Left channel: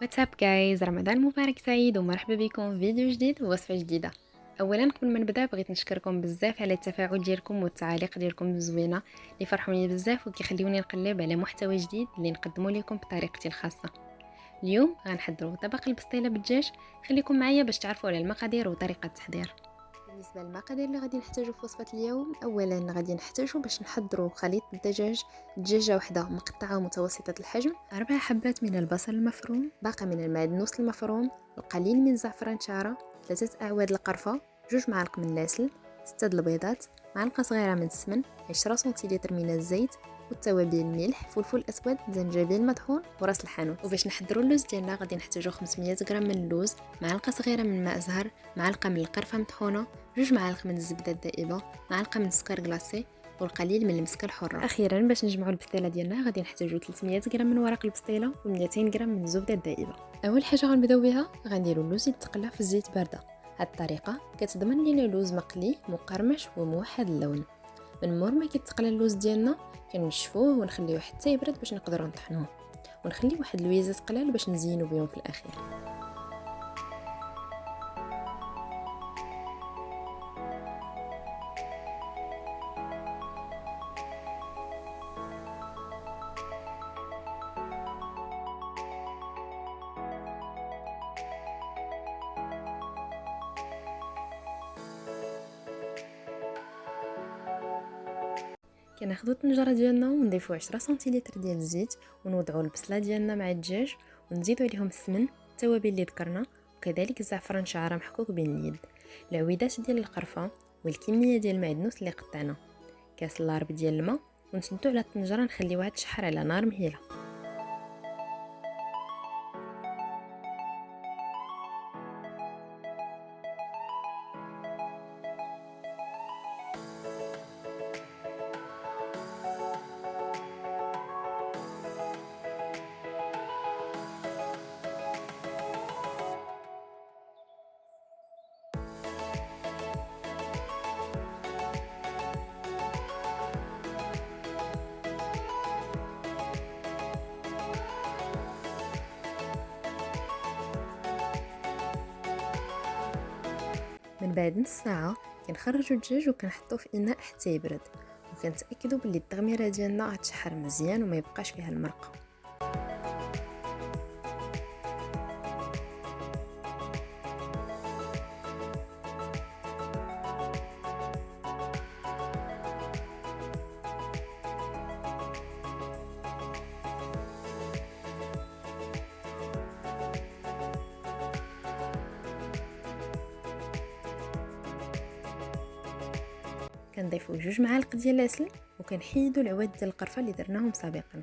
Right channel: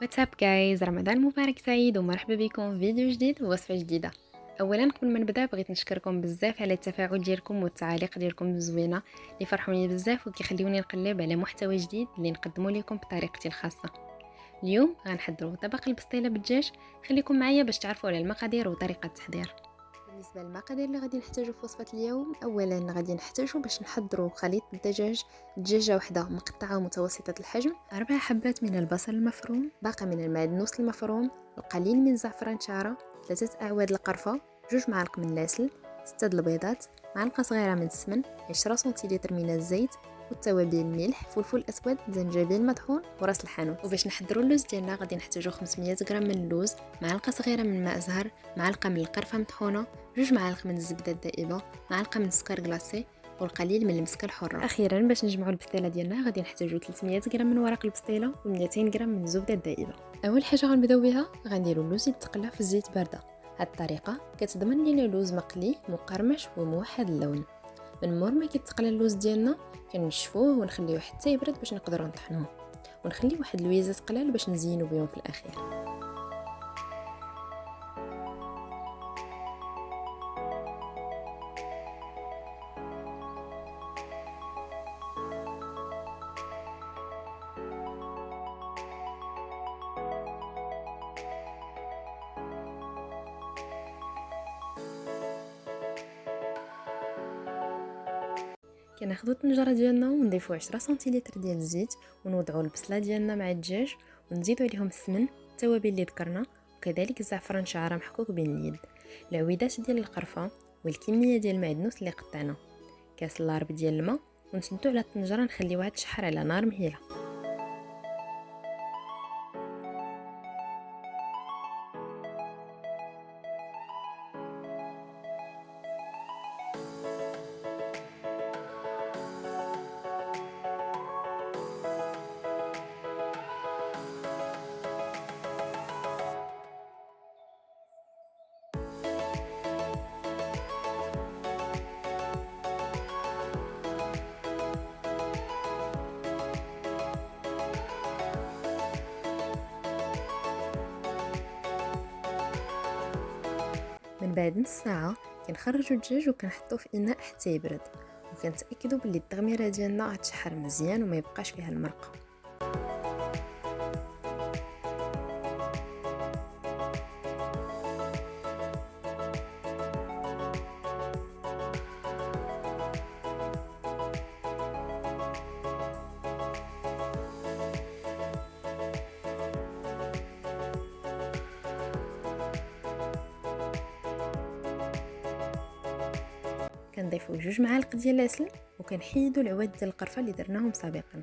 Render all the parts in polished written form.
واتساب جايز، رمضان مبارك سعيد ومرحبا بكم في فيديو جديد ووصفة جديدة. اولا قبل ما نبدا بغيت نشكركم بزاف على التفاعل ديالكم والتعاليق ديالكم الزوينه اللي فرحوني بزاف وكيخليوني نقلب على محتوى جديد اللي نقدمه لكم بطريقتي الخاصه. اليوم غنحضروا طبق البسطيله بالدجاج. خليكم معايا باش تعرفوا على المقادير وطريقه التحضير. بالنسبه للمقادير اللي غادي نحتاجو في وصفه اليوم، اولا غادي نحتاجو باش نحضروا خليط الدجاج دجاجه واحده مقطعه متوسطه الحجم، 4 حبات من البصل المفروم، باقه من المعدنوس المفروم، القليل من زعفران شعره، 3 اعواد القرفه، 2 معالق من العسل، 6 البيضات، معلقه صغيره من السمن، 10 سنتيلتر من الزيت، والتوابل ملح، فلفل اسود، زنجبيل مطحون وراس الحانوت. وباش نحضروا اللوز ديالنا غادي نحتاجو 500 غرام من اللوز، معلقه صغيره من ماء زهر، معلقه من القرفه مطحونه، 2 معالق من الزبده الدائبه، معلقه من السكر كلاصي، والقليل من المسكه الحره. اخيرا باش نجمعوا البسطيله ديالنا غادي نحتاجو 300 غرام من ورق البسطيله و200 غرام من الزبده الدائبه. اول حاجه غنبداو بها غنديروا اللوز يتقلى في الزيت بارده. هاد الطريقه كتضمن لينا اللوز مقلي مقرمش وموحد اللون. من مور ما كيتقلى اللوز ديالنا كنشفوه ونخليوه حتى يبرد باش نقدروا نطحنوه، ونخلي واحد الويزات قلال باش نزينوا بهم في الاخير. كناخذوا الطنجره ديالنا ونضيفوا 10 سنتيلتر ديال الزيت، ونوضعوا البصله ديالنا مع الدجاج، ونزيدوا عليهم السمن، التوابل اللي ذكرنا، وكذلك الزعفران شعره محكوك بين اليد، العويدات ديال القرفه، والكميه ديال المعدنوس اللي قطعنا، كاس لارب ديال الماء، ونسدوا على الطنجره نخليوها تشحر على نار مهيله. من بعد نص ساعه كنخرجوا الدجاج وكنحطوه في اناء حتى يبرد، وكنتاكدوا باللي التغميره ديالنا غتشحر مزيان وما يبقاش فيها المرقه. كنضيفوا 2 معالق ديال العسل، وكنحيدوا العواد ديال القرفه اللي درناهم سابقا.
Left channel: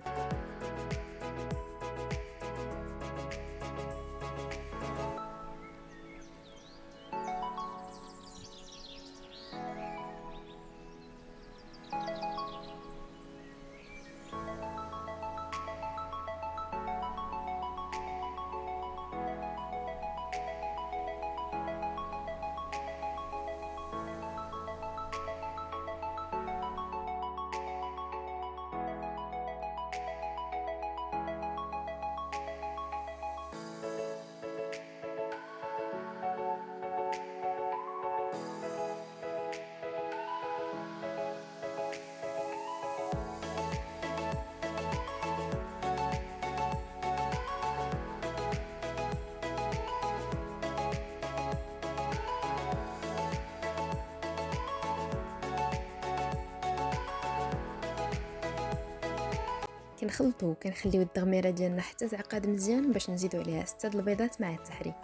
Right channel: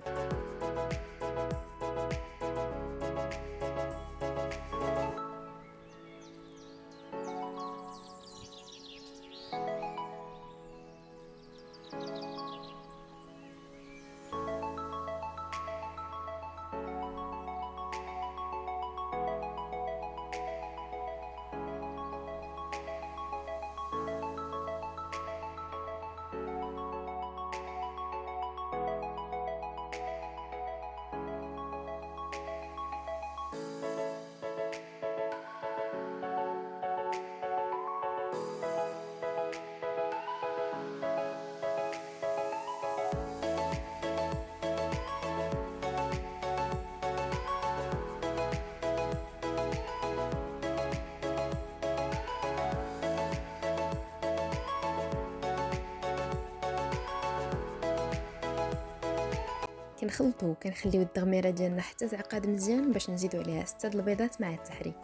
كنخلطوا وكنخليو التغميره ديالنا حتى تعقد مزيان باش نزيدوا عليها 6 البيضات مع التحريك.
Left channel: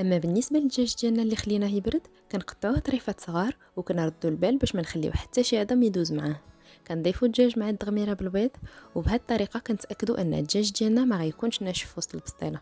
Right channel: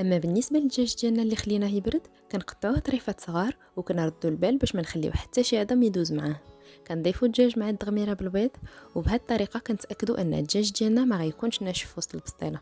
اما بالنسبه للدجاج ديالنا اللي خليناه يبرد كنقطعوه طريفات صغار وكنردوا البال باش ما نخليو حتى شي عظم يدوز معاه. كنضيفوا الدجاج مع التغميره بالبيض، وبهذه الطريقه كنتاكدوا ان الدجاج ديالنا ما غيكونش ناشف في وسط البسطيله.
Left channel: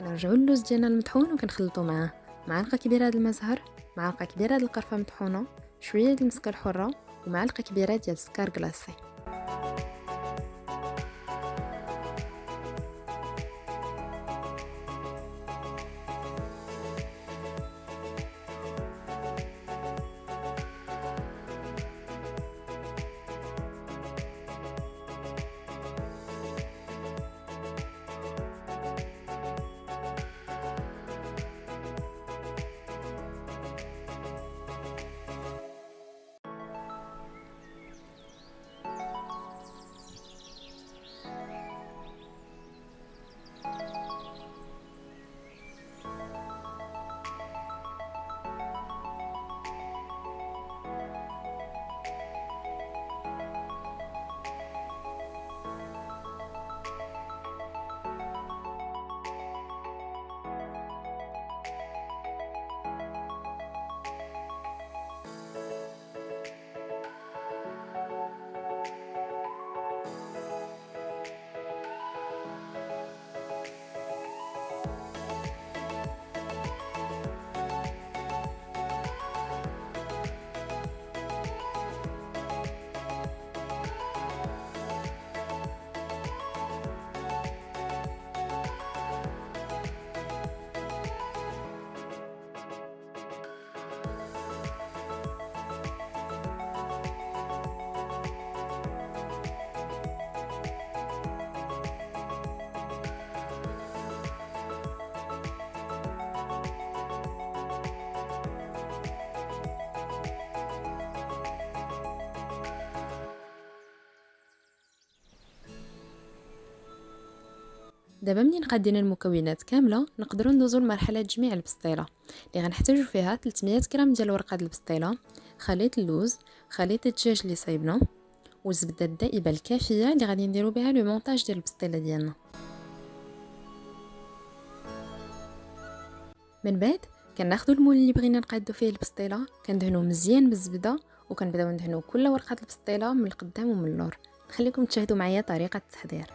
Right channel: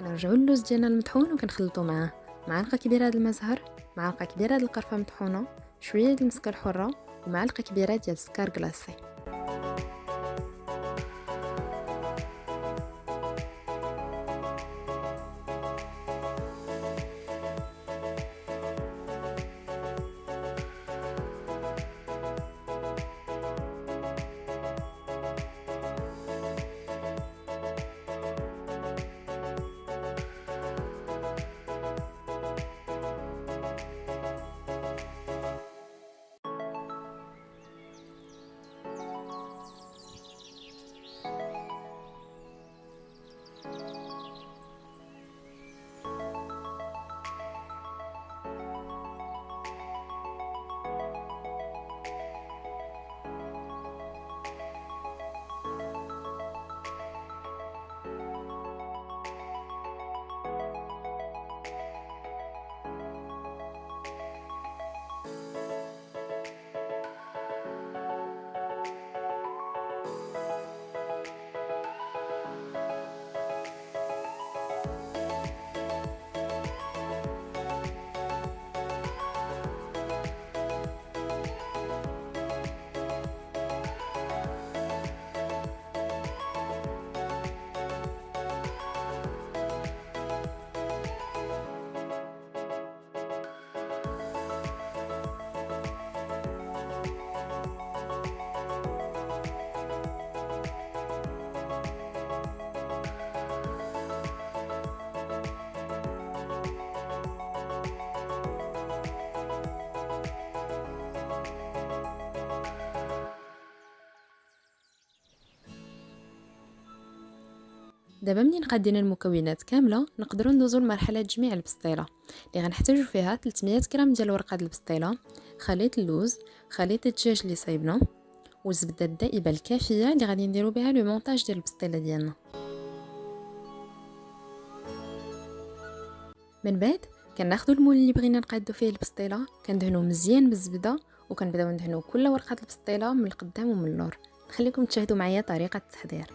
كنرجعوا اللوز ديالنا المطحون وكنخلطوا معاه معلقه كبيره د المزهر، معلقه كبيره د القرفه مطحونه، شويه د المسكه الحره ومعلقه كبيره ديال السكر كلاصي. دابا منين قادين المكونات كامله نقدروا ندوزوا لمرحله تجميع البسطيله اللي غنحتاجوا فيها 300 غرام ديال ورقه البسطيله، خليط اللوز، خليط الدجاج اللي صايبنا والزبده الدائبه الكافيه اللي غادي نديروا بها لو مونتاج ديال البسطيله ديالنا. من بعد كناخذوا المول اللي بغينا نقادو فيه البسطيله كندهنوه مزيان بالزبده وكنبداو ندهنوا كل ورقه البسطيله من القدام ومن اللور. نخليكم تشاهدوا معايا طريقه التحضير.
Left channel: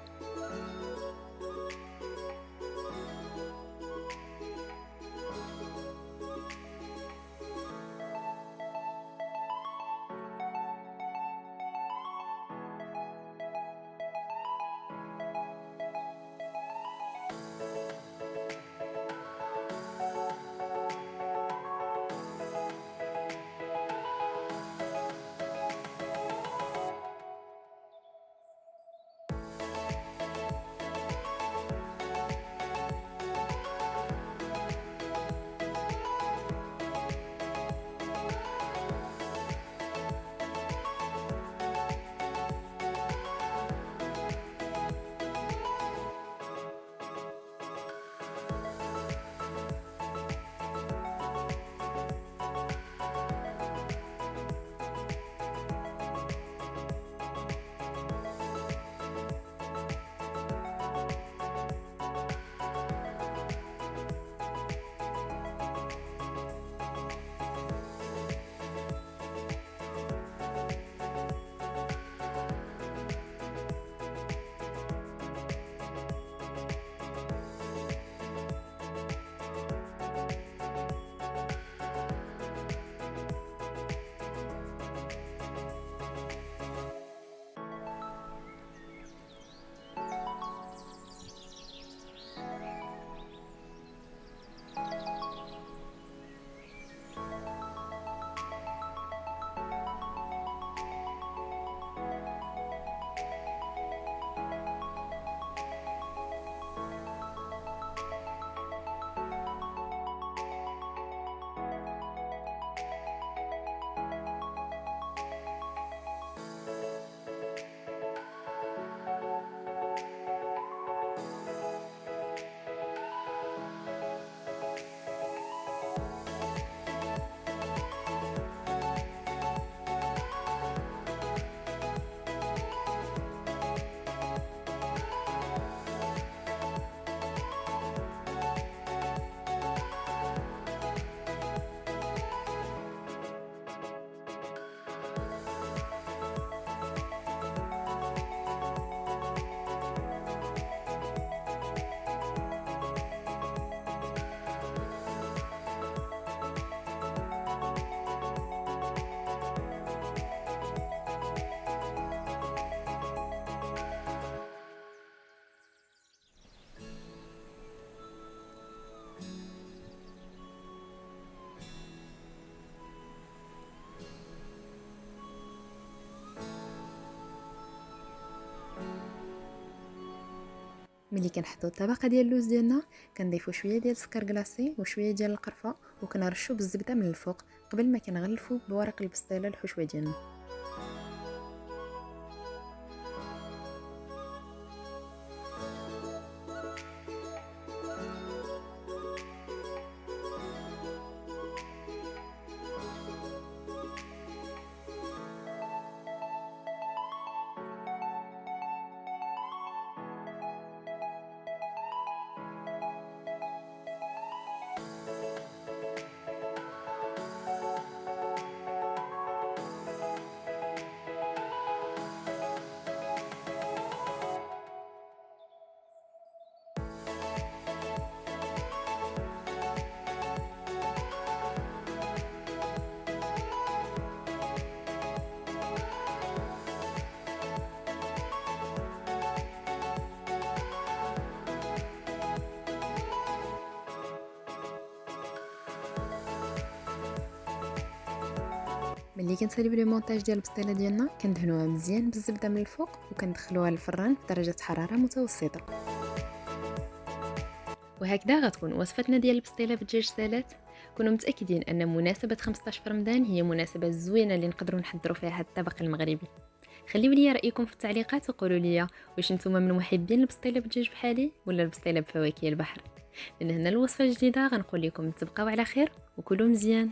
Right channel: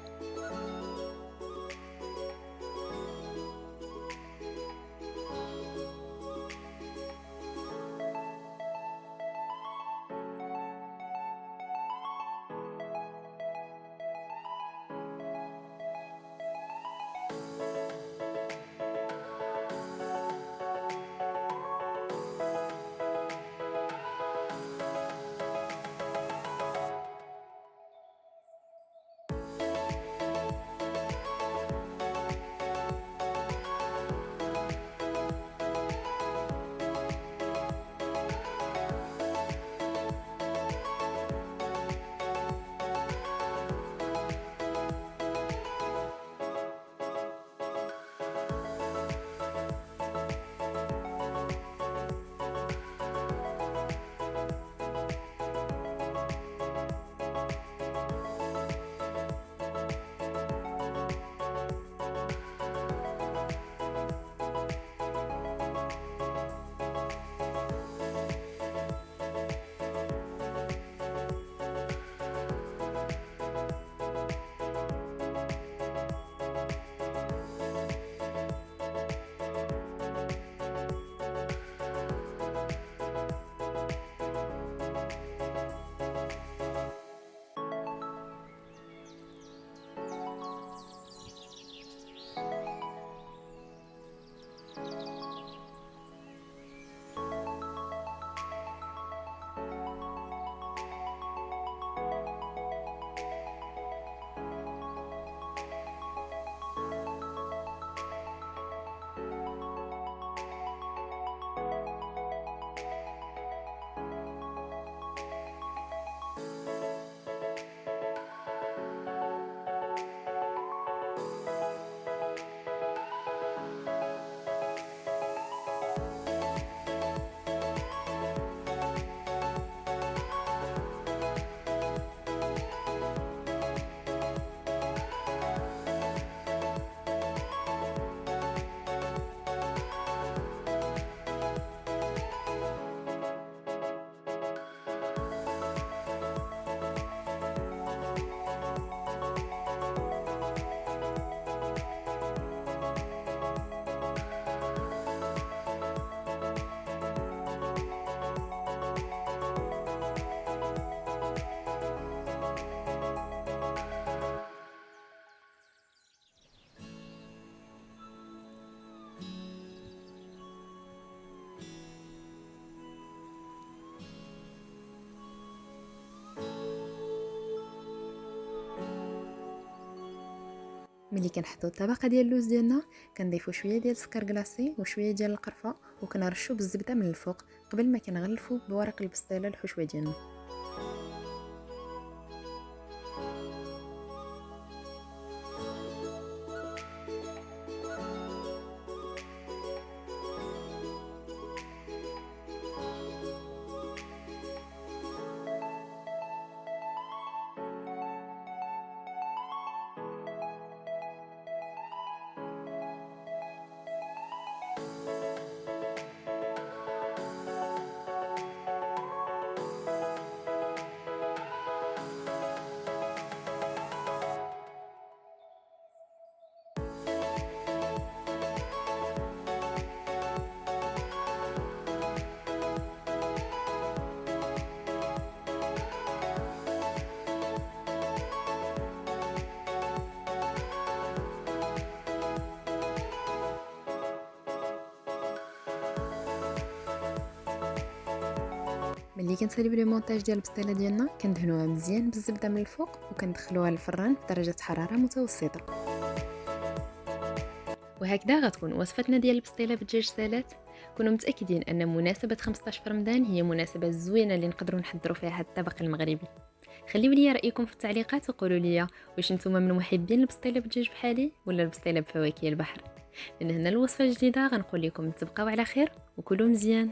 ملي كنحطوا الطبقه ديال اللوز ديالنا كنضيفوا شويه ديال السكر كلاصي وشويه ديال القرفه وكنرشوا بالزبده من الفوق قبل ما كنغلفوا بورق البسطيله الحشوه ديالنا. ملي كنساليو لي مونتاج ديال البسطيله ديالنا كندهنوها مزيان بالزبده من الفوق وكندخلوها للفران بدرجه حراره متوسطه. وهكذا غتكون وصفتنا ديال البسطيله بالدجاج سالات. كونوا متاكدين ان مناسبه 15 في رمضان هي مناسبه زوينه اللي نقدروا نحضروا فيها هذا الطبق المغربي. خليو لي رايكم في التعليقات وقولوا لي واش نتوما من محبين البسطيله بالدجاج بحالي ولا البسطيله بفواكه البحر. من هنا الوصفه الجديده غنقول لكم تبقاو على خير وكلوا مزيان.